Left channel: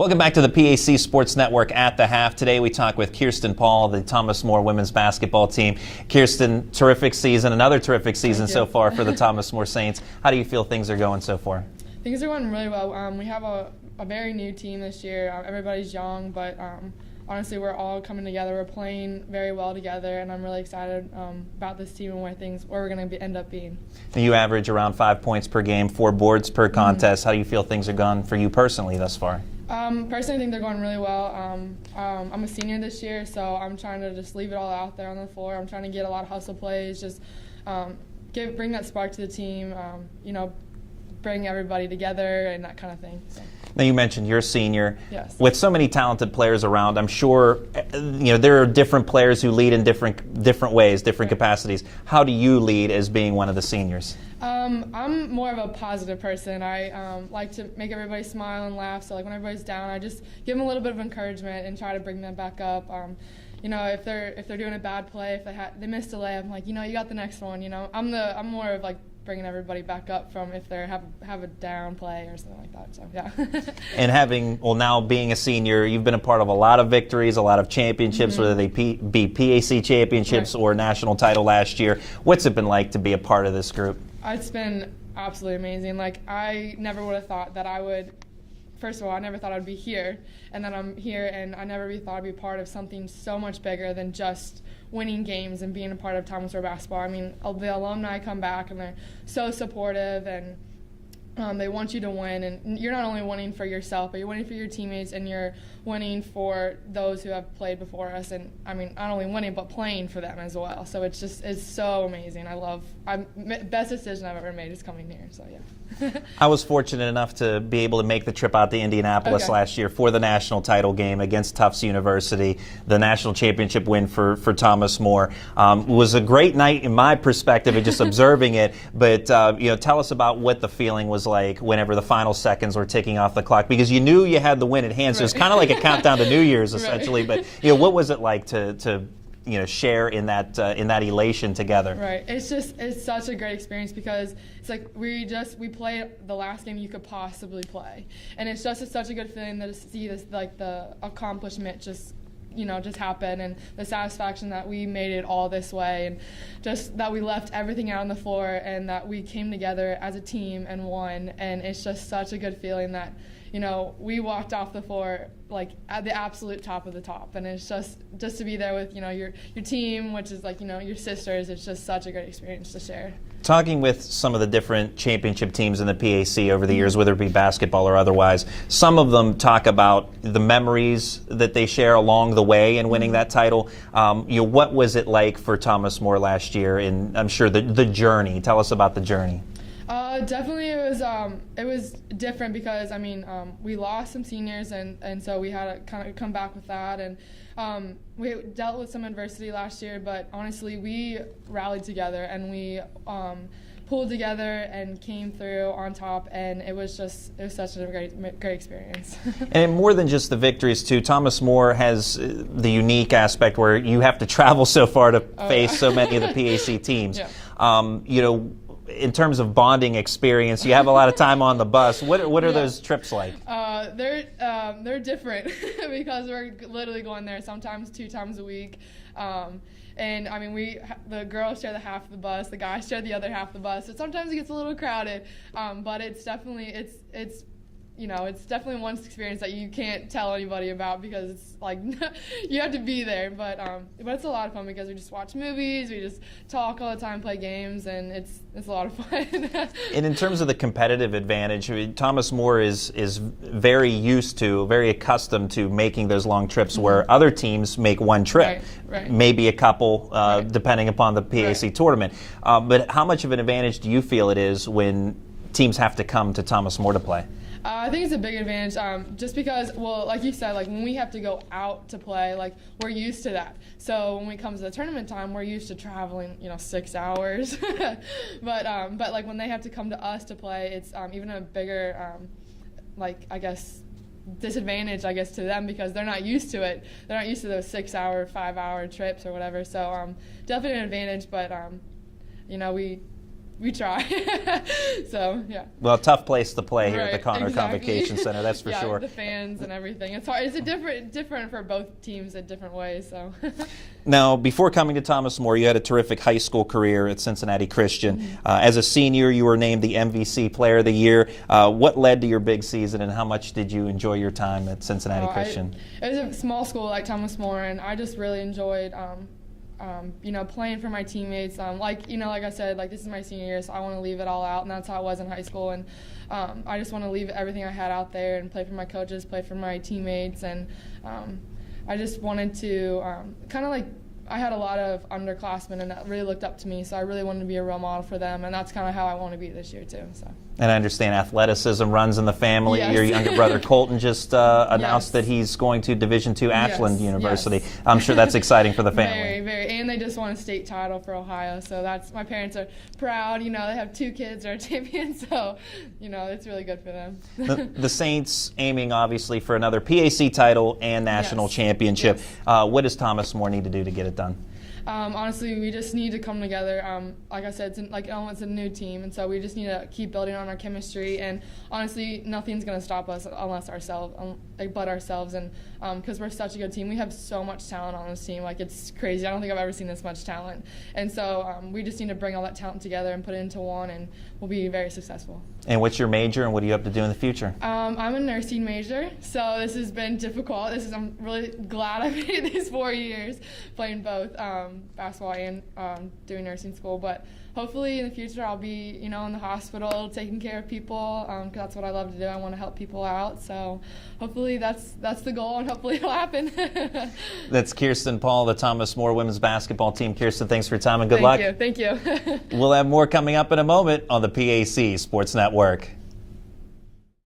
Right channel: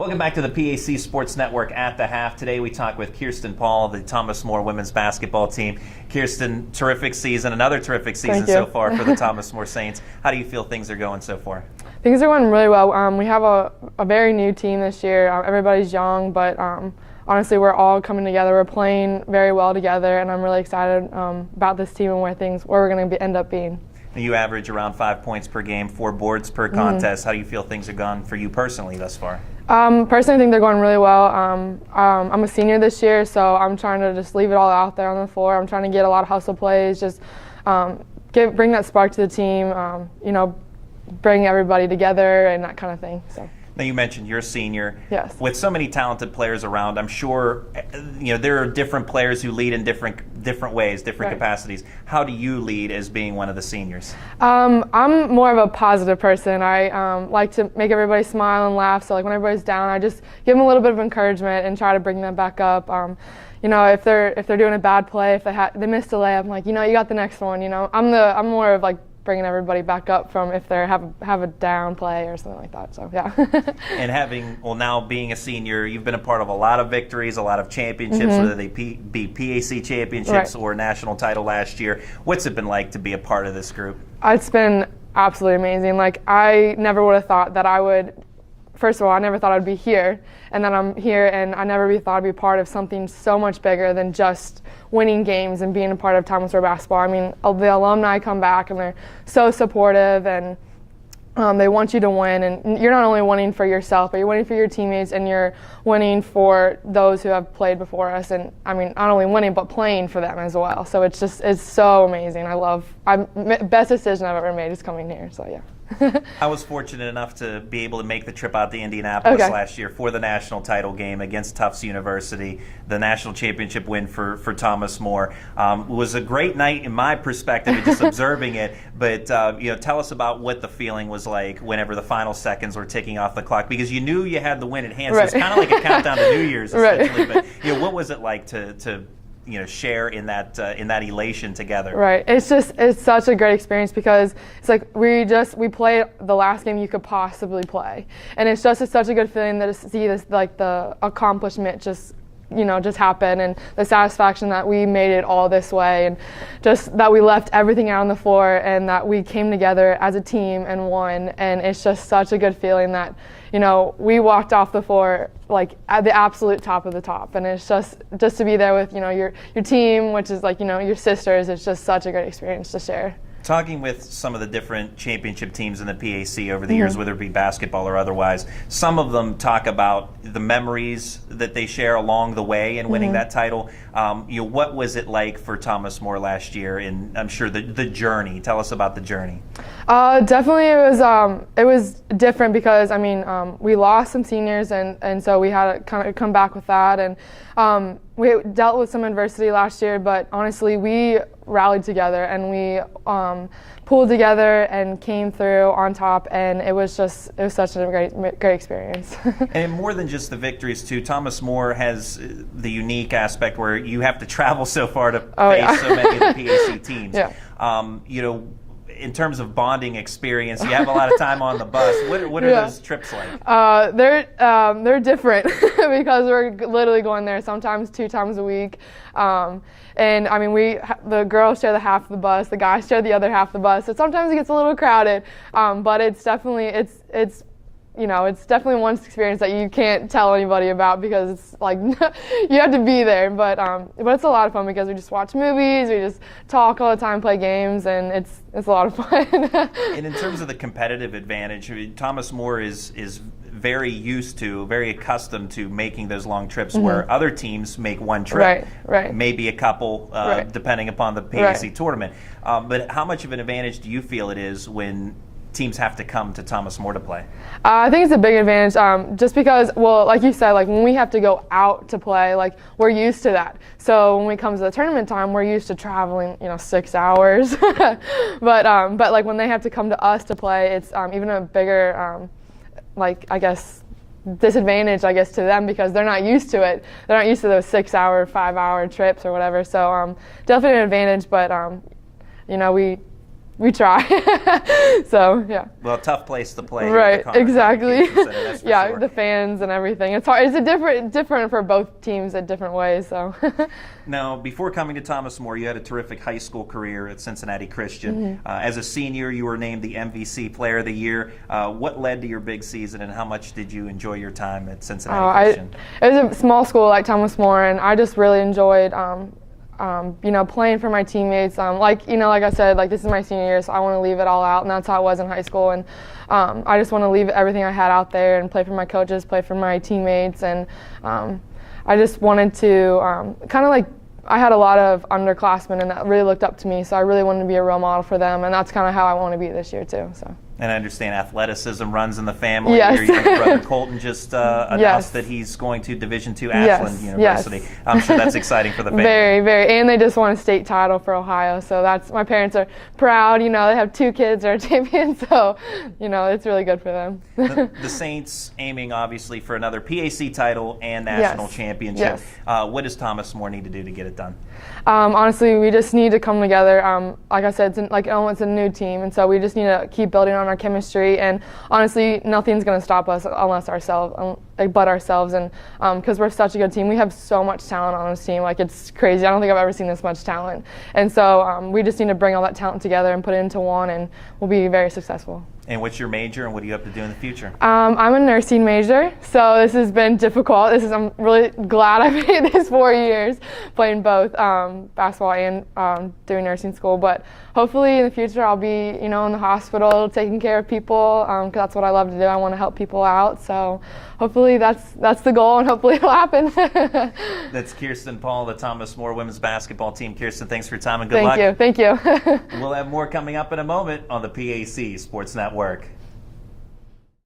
Welcome back to the PAC Sports Network at the Half. Today we talk with Kirsten Paul, the Thomas More women's basketball team. Kirsten, terrific season, another terrific season so far for the Thomas More Saints. How do you feel things are going so far? Things are going really well. We have a very new team this year. Everybody's young, but honestly we're all coming together. We're playing very well together, and I'm really excited about this team and where we're going to end up being. You average around 5 points per game, 4 boards per contest. How do you feel things are going for you personally thus far? Personally, I think they're going really well. I'm a senior this year, so I'm trying to just leave it all out there on the floor. I'm trying to get a lot of hustle plays, just bring that spark to the team, bring everybody together and that kind of thing. So. Now you mentioned you're a senior. Yes. With so many talented players around, I'm sure there are different players who lead in different ways, different capacities. How do you lead as being one of the seniors? I'm more of a positive person. I like to make everybody smile and laugh. So like when everybody's down, I just give them a little bit of encouragement and try to bring them back up. If they're doing a bad play, if they missed a layup, I'm like, you got the next one. I'm more of like bringing everybody back up from if they have a down play or something like that. So yeah. And now being a senior, you've been a part of a lot of victories, a lot of championships, whether they be PAC championships or national title last year. What's it been like to be a part of this group? It's been absolutely amazing. Like I never would have thought that I would. First of all, I never thought I'd be here, and then I'm here, and I never thought I'd be part of something so much bigger than just winning games and being a part of Thomas More basketball. I mean, the alumni come back, and they're so supportive, and they want you to win. And you're not only winning for yourself, but you're winning for your teammates, and you're winning for those who have played before us. And I mean, not only winning, but playing for them as well. So it's so amazing. Best decision I've ever made is coming here. So yeah. I was fortunate enough to be able to make the trip out to Indianapolis last year for the national title game against Tufts University, the national championship win for Thomas More. It was a great night in my perspective and just observing it, but tell us about what the feeling was like whenever the final seconds were ticking off the clock, because you knew you had the win at hand, so it's kind of like a countdown to New Year's essentially, but what was it like to share in that elation together? Right. It's such a great experience because it's like we played the last game you could possibly play, and it's such a good feeling to see this, like the accomplishment just happen, and the satisfaction that we made it all this way, and just that we left everything out on the floor and that we came together as a team and won. And it's just such a good feeling that we walked off the floor like at the absolute top of the top, and it's just to be there with your team, which is like your sisters. It's just such a great experience to share. Talking with some of the different championship teams in the PAC over the years, whether it be basketball or otherwise, some of them talk about the memories that they share along the way in winning that title. What was it like for Thomas More last year? And I'm sure the journey. Tell us about the journey. Definitely, it was different because we lost some seniors, and so we had to kind of come back with that, and we dealt with some adversity last year, but honestly we rallied together and we pulled together and came through on top, and it was such a great experience. And more than just the victories too, Thomas More has the unique aspect where you have to travel so far to face so many of the PAC teams. In terms of bonding experience, you have a lot of time on the bus. What are those trips like? They're different because we're literally going there sometimes 2 times a week. And the girls share the half of the bus, the guys share the other half of the bus. So sometimes it gets a little crowded, but it's definitely one experience that you can't tell anybody about because it's like you have to be there. But it's a lot of fun because we just watch movies, we just talk all the time, play games, and it's a lot of fun. And in terms of the competitive advantage, Thomas More is very accustomed to making those long trips where other teams make one trip, maybe a couple, depending upon the PAC tournament. But how much of an advantage do you feel it is when teams have to come to Thomas More to play? I think it's a big advantage just because, like you said, like when we have to go out to play, like we're used to that. So when we come to the tournament time, we're used to traveling, 6 hours. but like when they have to come to us to play, it's even a bigger, disadvantage, to them because they're not used to it. They're not used to those 6-hour, 5-hour trips or whatever. So definitely an advantage, but we try. So yeah. Well, tough place to play. Right. At the Connor Exactly. Convocation Center, that's for yeah, sure. the fans and everything. It's hard. It's a different for both teams in different ways. So. Now, before coming to Thomas More, you had a terrific high school career at Cincinnati Christian. As a senior, you were named the MVC Player of the Year. What led to your big season, and how much did you enjoy your time at Cincinnati Christian? It was a small school like Thomas More, and I just really enjoyed, playing for my teammates. Like I said, like this is my senior year, so I want to leave it all out, and that's how it was in high school. And I just want to leave everything I had out there and play for my coaches, play for my teammates, and I just wanted to kind of like. I had a lot of underclassmen, and that really looked up to me, so I really wanted to be a role model for them, and that's kind of how I want to be this year too. So. And I understand athleticism runs in the family. Yes. Your younger brother Colton just announced Yes. that he's going to Division II Ashland University. Yes. I'm sure that's exciting for the family. Very, very, and they just won a state title for Ohio, so my parents are proud. They have 2 kids that are champions, so it's really good for them. The Saints aiming obviously for another PAC title and national Yes. championship. Yes. What does Thomas More need to do to get it done? Honestly, we just need to come together. Like I said, it's a new team, and so we just need to keep building on our chemistry. And honestly, nothing's going to stop us but ourselves. And because we're such a good team, we have so much talent on this team. Like it's crazy. I don't think I've ever seen this much talent. And so we just need to bring all that talent together and put it into one, and we'll be very successful. And what's your major, and what do you hope to do in the future? I'm a nursing major, so this has been difficult. I'm really glad I made this 4 years, playing both basketball and doing nursing school. But hopefully in the future I'll be, in the hospital taking care of people, because that's what I love to do. I want to help people out. So hopefully that's the goal, and hopefully it'll happen. That's Kirsten Paul, the Thomas More women's basketball team. Kirsten, thanks for your time and good luck. Thank you. We'll have more coming up in a moment on the PAC Sports Network.